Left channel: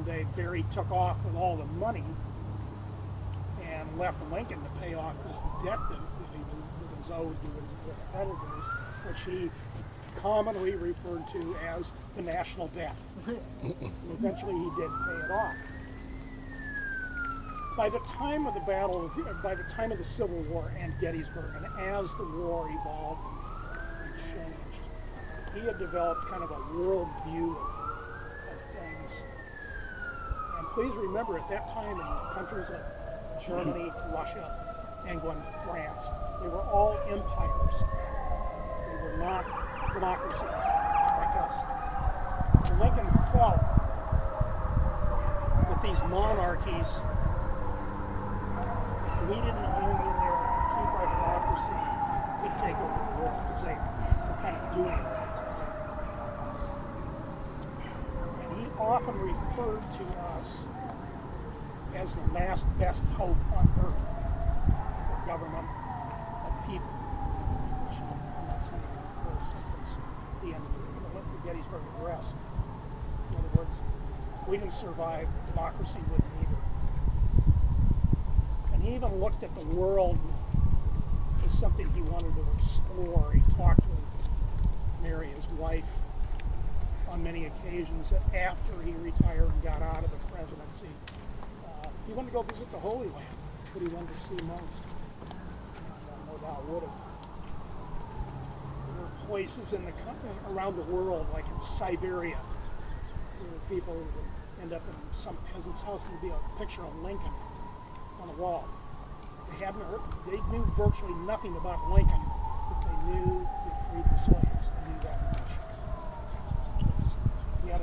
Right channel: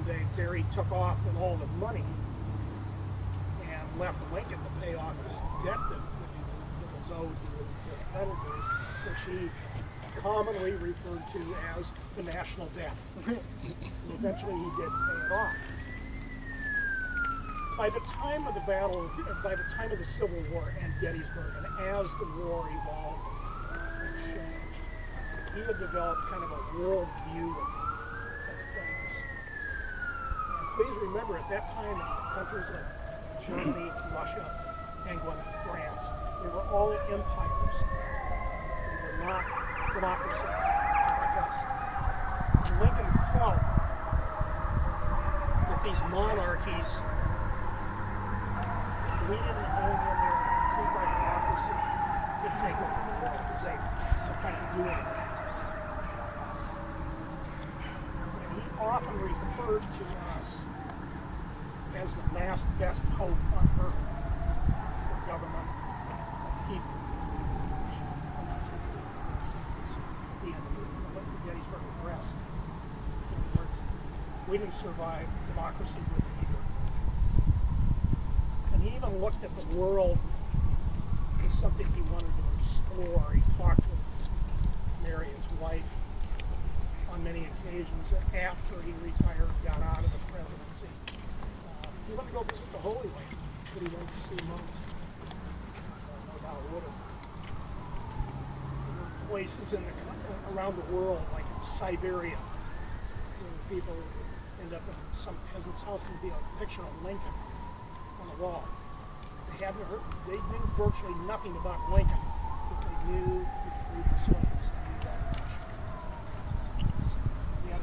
one day Barry took off with all the money and left Lincoln to pay off this debt that was owed to the creditors, which he commonly referred to as the national debt. And eventually he did pay it off. By the time of the Civil War and Gettysburg, and as the war evolved and changed, he had developed kind of a world view of things. And please remember, at that time in countries like Germany, Russia, England, France, they were all empires. They were not democracies like us. And Lincoln thought that these monarchies we need to hang in there and keep our democracy could take over the world because they were kind of doing that. And he often referred to us as the last best hope on earth for government and people. And that's the end of the Gettysburg Address. In other words, we didn't survive democracy with it either. He even looked at the world as something he wanted to explore. He talked to Mary, his wife, on many occasions after he retired and got out of the presidency. He wanted to go visit the Holy Land, but he wanted to see monks. No doubt would have. There were places around the world, like in Siberia, where people end up in some peasant's house and there'd be a picture of Lincoln on the wall. They knew virtually nothing about Lincoln, but they knew he freed the slaves. They knew that much. He had a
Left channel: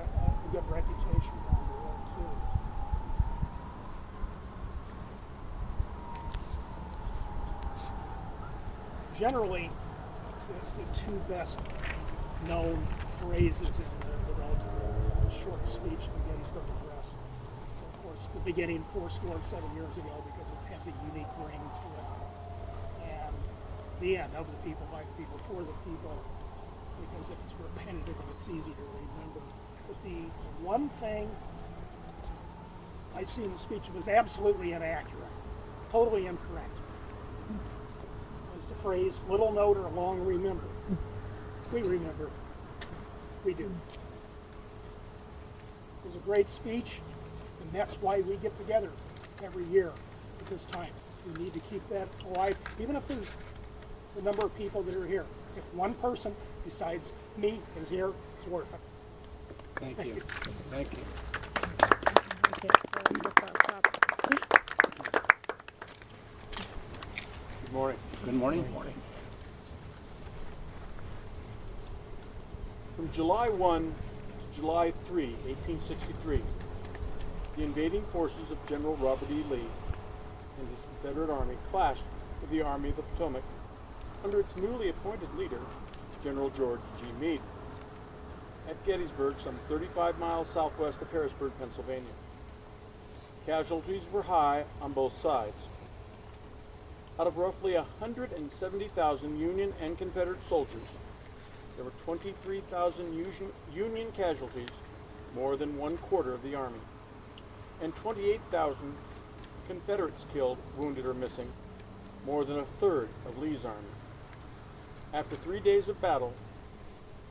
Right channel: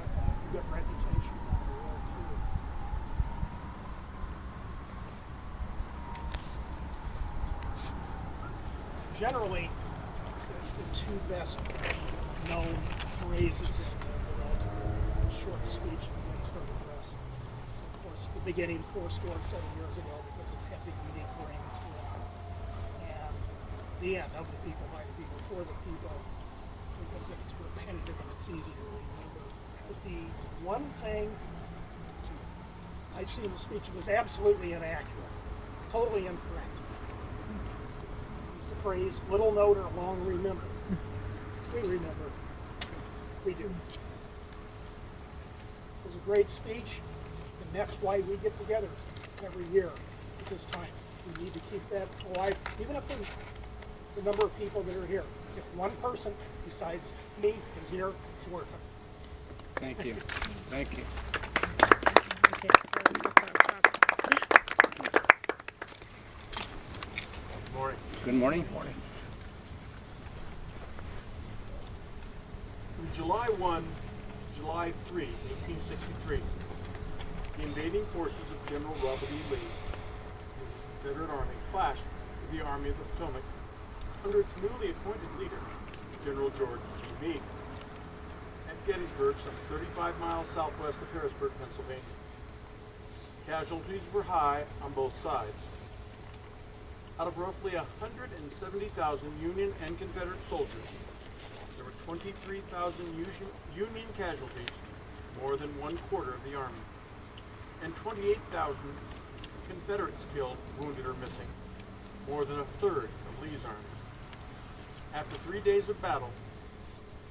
good reputation around the world, too. Generally, the two best known phrases in the short speech of the Gettysburg Address, of course, the beginning 7 years ago, because it has a unique ring to it, and the end, of the people, by the people, for the people, because it's repetitive and it's easy to remember. But the one thing I see in the speech that was absolutely inaccurate, totally incorrect, is the phrase, little note or long remember. We remember. We do. It was a great speech, and that's why we get together every year at this time. We need to keep that alive, even if there's the number of people that are here. If one person besides me is here, it's worth it. Thank you. Thank you. Good morning. Good morning. Good morning. From July 1 to July 3, 1863, the invading forces of General Robert E. Lee and his Confederate Army clashed with the Army of the Potomac under its newly appointed leader, General George G. Meade, at Gettysburg, some 35 miles southwest of Harrisburg, Pennsylvania. Casualties were high on both sides. Out of roughly 170,000 Union and Confederate soldiers, there were 23,000 Union casualties, more than 1/4 of the Army, and 28,000 Confederates killed, wounded, or missing, more than 1/3 of Lee's army. After 3 days of battle,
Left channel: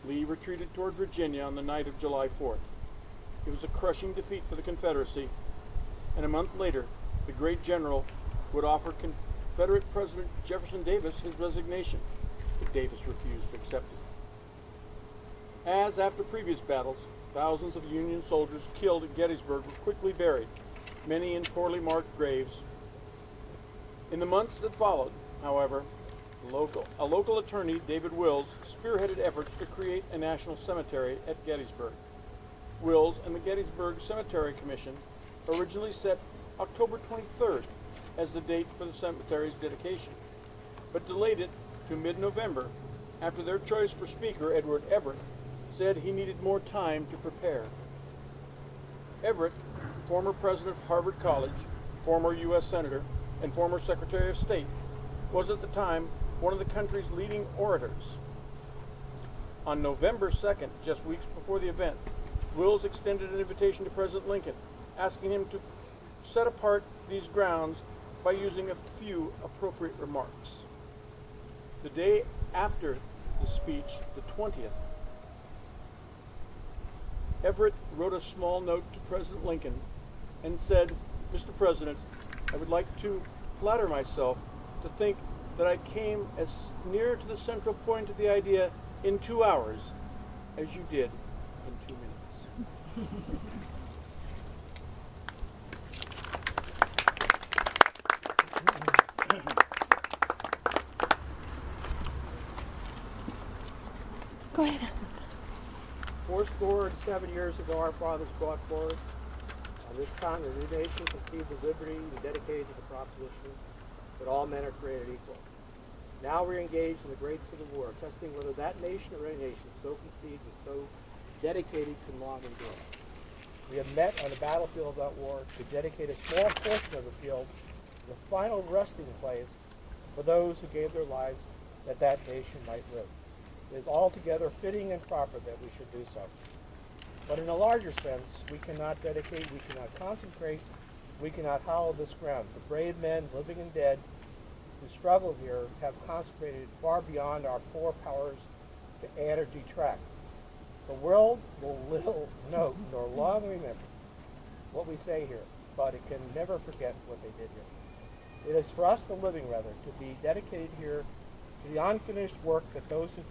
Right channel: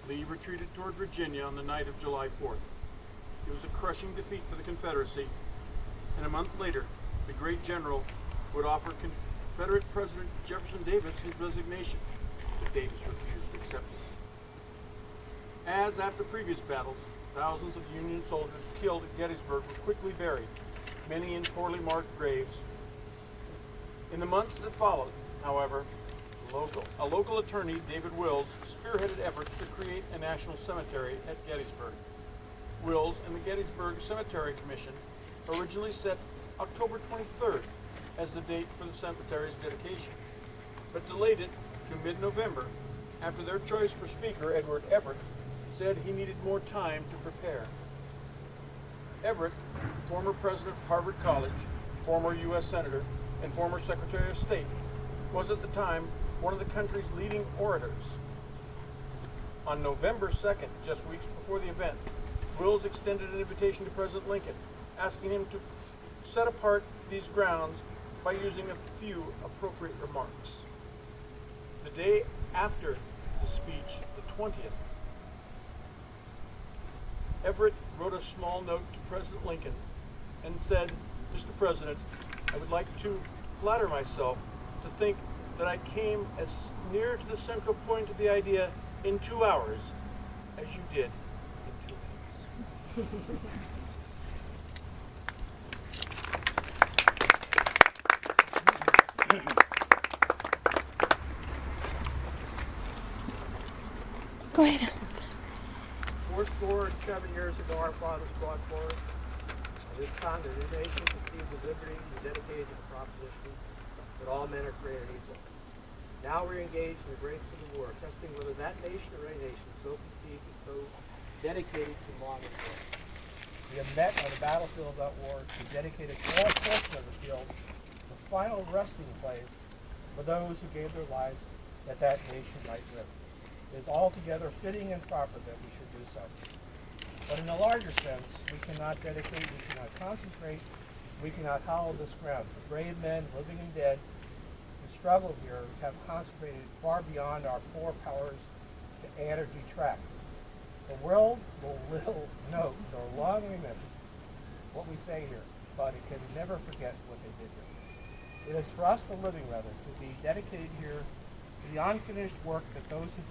Lee retreated toward Virginia on the night of July 4th. It was a crushing defeat for the Confederacy, and a month later, the great general would offer Confederate President Jefferson Davis his resignation, but Davis refused to accept it. As after previous battles, thousands of Union soldiers killed at Gettysburg were quickly buried, many in poorly marked graves. In the months that followed, however, a local attorney, David Wills, spearheaded efforts to create a national cemetery at Gettysburg. Wills and the Gettysburg Cemetery Commission originally set October 23rd as the date for the cemetery's dedication, but delayed it to mid-November after their choice for speaker, Edward Everett, said he needed more time to prepare. Everett, former president of Harvard College, former U.S. Senator, and former Secretary of State, was at the time one of the country's leading orators. On November 2nd, just weeks before the event, Wills extended an invitation to President Lincoln, asking him to set apart these grounds by using a few appropriate remarks. The day after the speech, the 20th, Everett wrote a small note to President Lincoln and said, "Mr. President, I would like to flatter myself to think that I came as near to the central point of the idea in 2 hours as you did in 2 minutes." Go ahead. 407 years ago, our fathers brought forth on this continent, new nation conceived of liberty and dedicated to the proposition that all men are created equal. Now we're engaged in the great civil war, testing whether that nation or any nation so conceived is so dedicated to modern war. We have met on the battlefield of that war to dedicate a small portion of the field, the final resting place for those who gave their lives that that nation might live. It is altogether fitting and proper that we should do so. But in a larger sense, we cannot dedicate, we cannot concentrate, we cannot hallow this ground. The brave men, living and dead, who struggle here have concentrated far beyond our poor powers to add or detract. The world will little note nor long remember what we say here, but it can never forget what they did here. It is for us, the living rather, to be dedicated here to the unfinished work that those who